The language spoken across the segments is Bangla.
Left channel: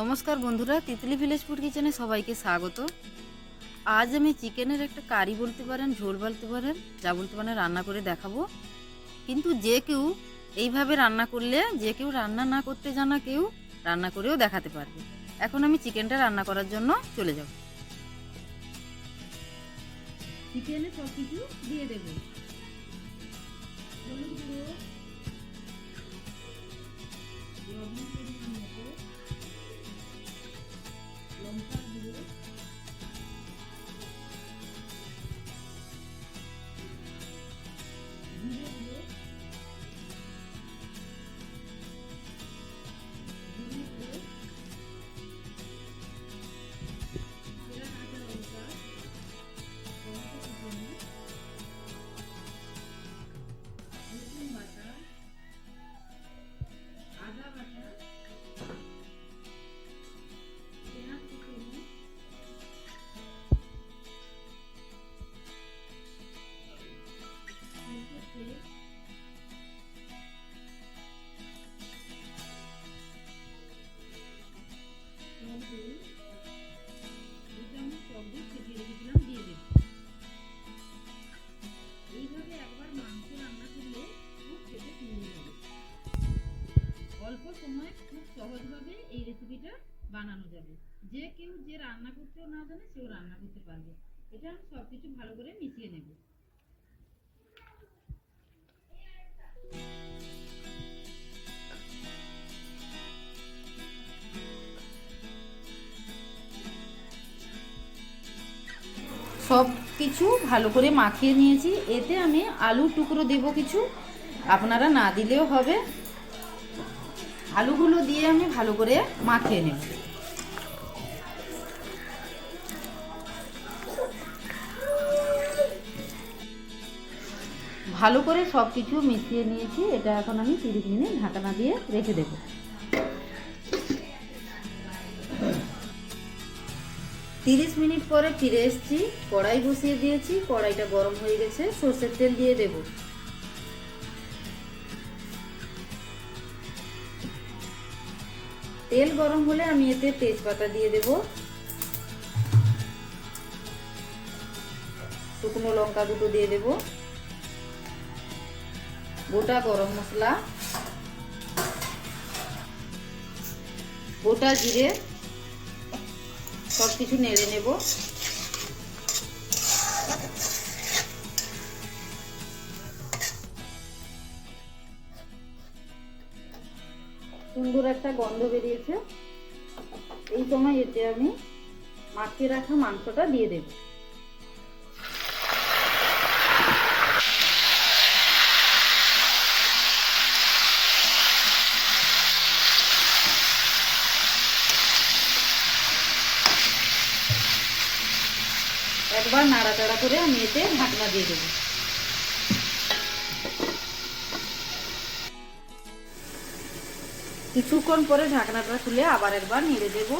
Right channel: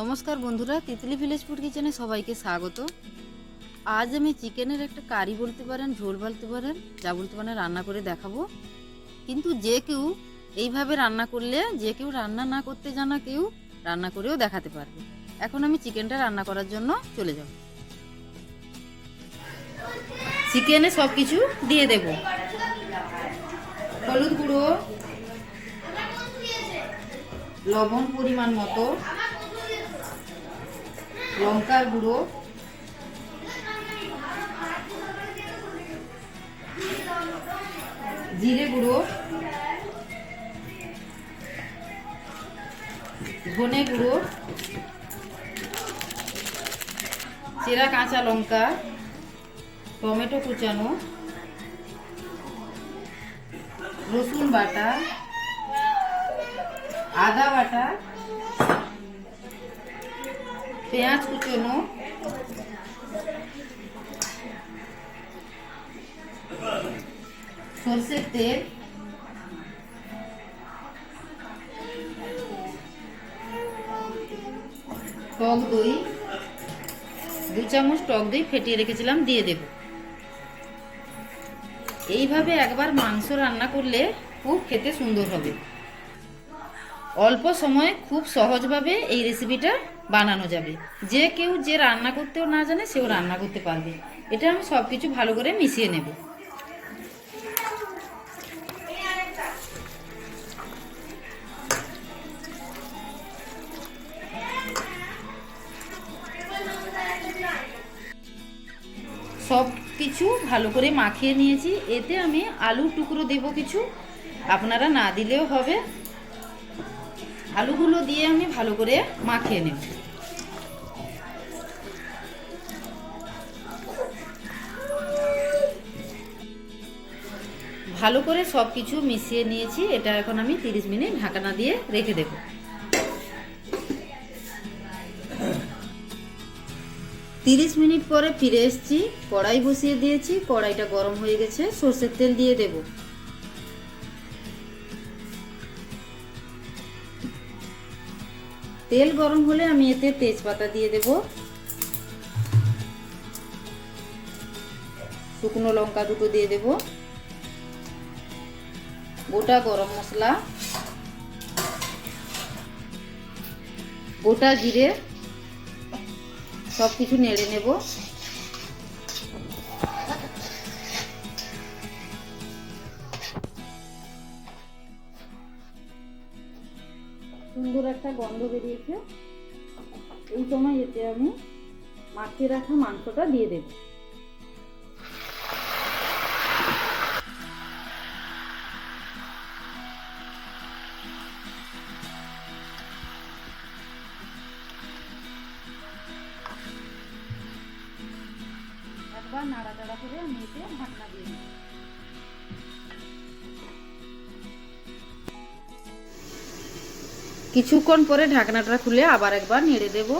নমস্কার বন্ধুরা, তিতলি ভিলেজ ফুড কিচেনে সবাইকে স্বাগত। আজ আমি চিকেনের একটা কারি বলতে পারেন, ঝোল বলতে পারেন, যা বলতে পারেন রান্না করে দেখাবো। কিন্তু যে কেউ এইভাবে রান্না করলে, যে কেউ রান্না না করতে জানা কেউ রান্না করেও দেখাতে পারবে। এখন আমি চিকেনটা রান্না করার জন্য চলে যাব। চিকেনে সব কিছু দিয়ে দেব। হলুদ গুঁড়ো, লবণ পরিমাণ মতো। লঙ্কার গুঁড়ো। জিরে গুঁড়ো। ধনে গুঁড়ো। চেরা কাঁচা লঙ্কা। টমেটো কুচানো। রসুন বাটা। আদা বাটা। পেঁয়াজ কুচনো সর্ষের তেল টক দই। দু চামচ টক দই ফেটিয়ে রেখেছিলাম, দিয়ে দেব। এইভাবে একবার মাংস রান্না করলে খুব খেতে সুন্দর হবে। অল্প সময়ে খুব সহজভাবে এই রেসিপিটা বানানো যাবে। যে কেউ যে রান্না করতেও না জানে, সেও রান্না করতে পারবে। এটা আমি সব কিছু ভালো করে মিশিয়ে নেব। সব কিছু ভালো করে মাখিয়ে নিয়েছি। এতে আমি আলুর টুকরো দেব কিছু। আপনারা না দিলেও হবে। আলুগুলো দিয়ে আমি ভালো করে মাখিয়ে নেব। ভালো করে সব কিছু মিশিয়ে নিয়েছি, এটা এখন আমি 30 মিনিট ঢাকনা দিয়ে রেখে দেব। তিরিশ মিনিট পরে ফিরে এসেছি, কড়াই বসিয়ে দিয়েছি, কড়াইটা গরম হয়ে গেছে, সর্ষের তেল দিয়ে দেবো। তেল গরম হলে আমি এতে তেজপাতা দিয়ে দেব। শুকনো লঙ্কা দুটো দিয়ে দেব। গোটা গরম মশলা। গোটা জিরে সব কিছু নেড়ে নেব। সুন্দর একটা গন্ধ বেরিয়েছে। এই সময় এতে আমি মাখিয়ে রাখা মাংসটা দিয়ে দেব। একবার নাড়াচাড়া করে আমি এতে ঢাকনা দিয়ে দেবো। কিছুক্ষণ পরে ঢাকনাটা খুলে আবার একবার নেড়ে দেব।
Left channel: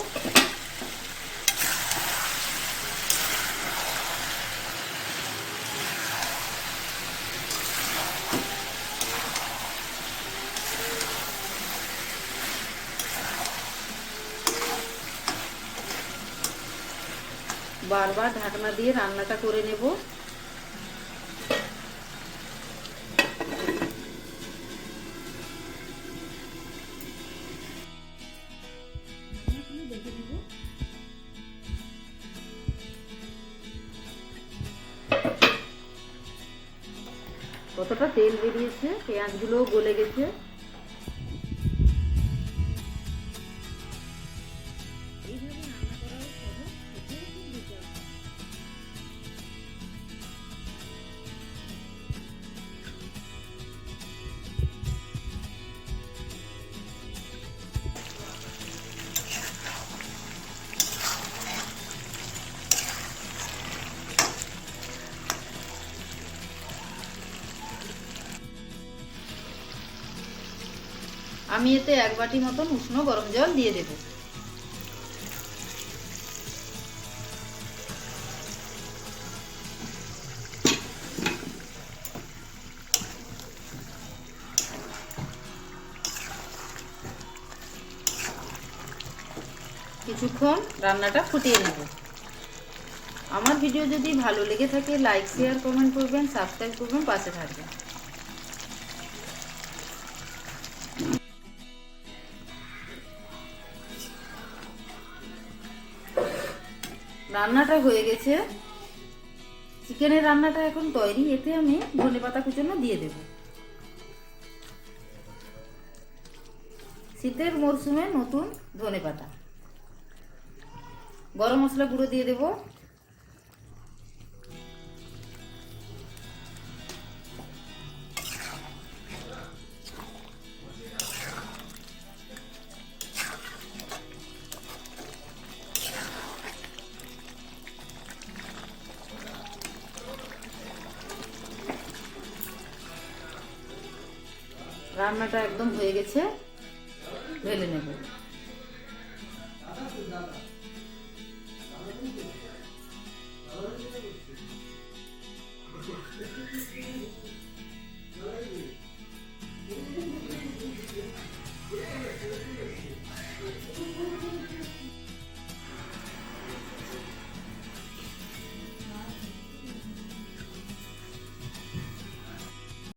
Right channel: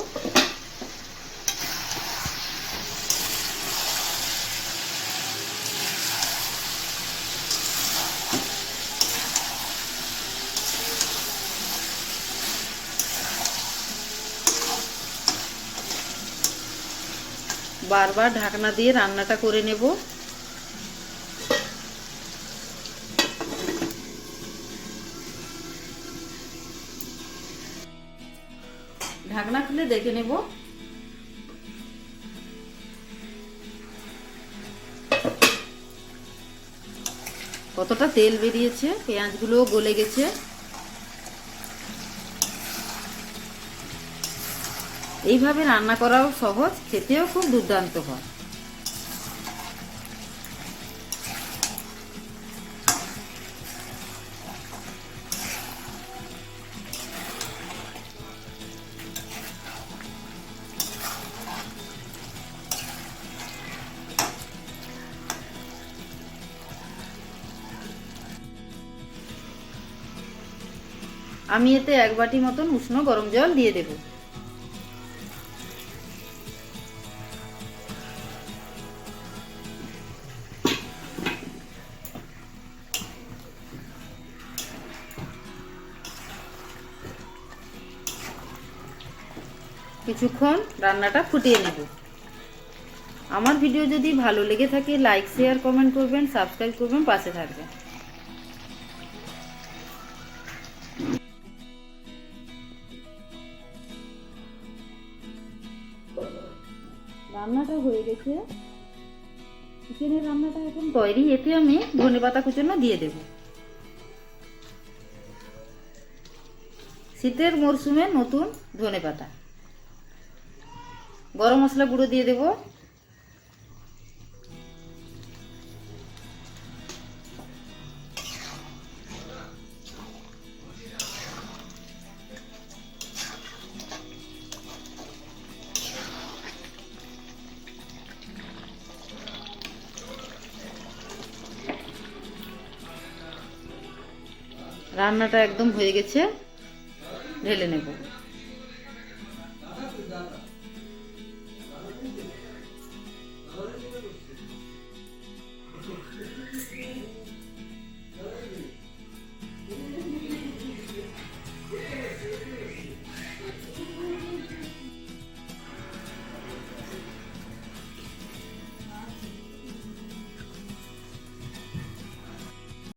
বারবার ঢাকনা দিয়ে রান্নাটা করে নেব। ঢাকনা খুলে দেখে নেব। কতটা তেল বেরিয়েছে, পেঁয়াজগুলোও গলে গেছে। এইভাবে রান্না করাও সহজ, খেতেও খুব দুর্দান্ত হয়। আমি এতে এক বাটি মতন উষ্ণ গরম জল দিয়ে দেব। কিছুক্ষণ রান্নাটা ফুটিয়ে নেব। আমার ভিডিও যদি ভালো লেগে থাকে, লাইক শেয়ার কমেন্ট করবেন সাবস্ক্রাইব করবেন, পাশে থাকবেন। রান্নাটা হয়ে গেছে। চিকেনের রান্নাটা এখন তৈরি এতে আমি ধনে পাতা কুচনো দিয়ে দেব। শীতের মরশুমে নতুন ধনে পাতা। গরম মশলা গুঁড়ো দিয়ে দেব। রান্নাটা একদম হয়ে গেছে ঢেলে নেব।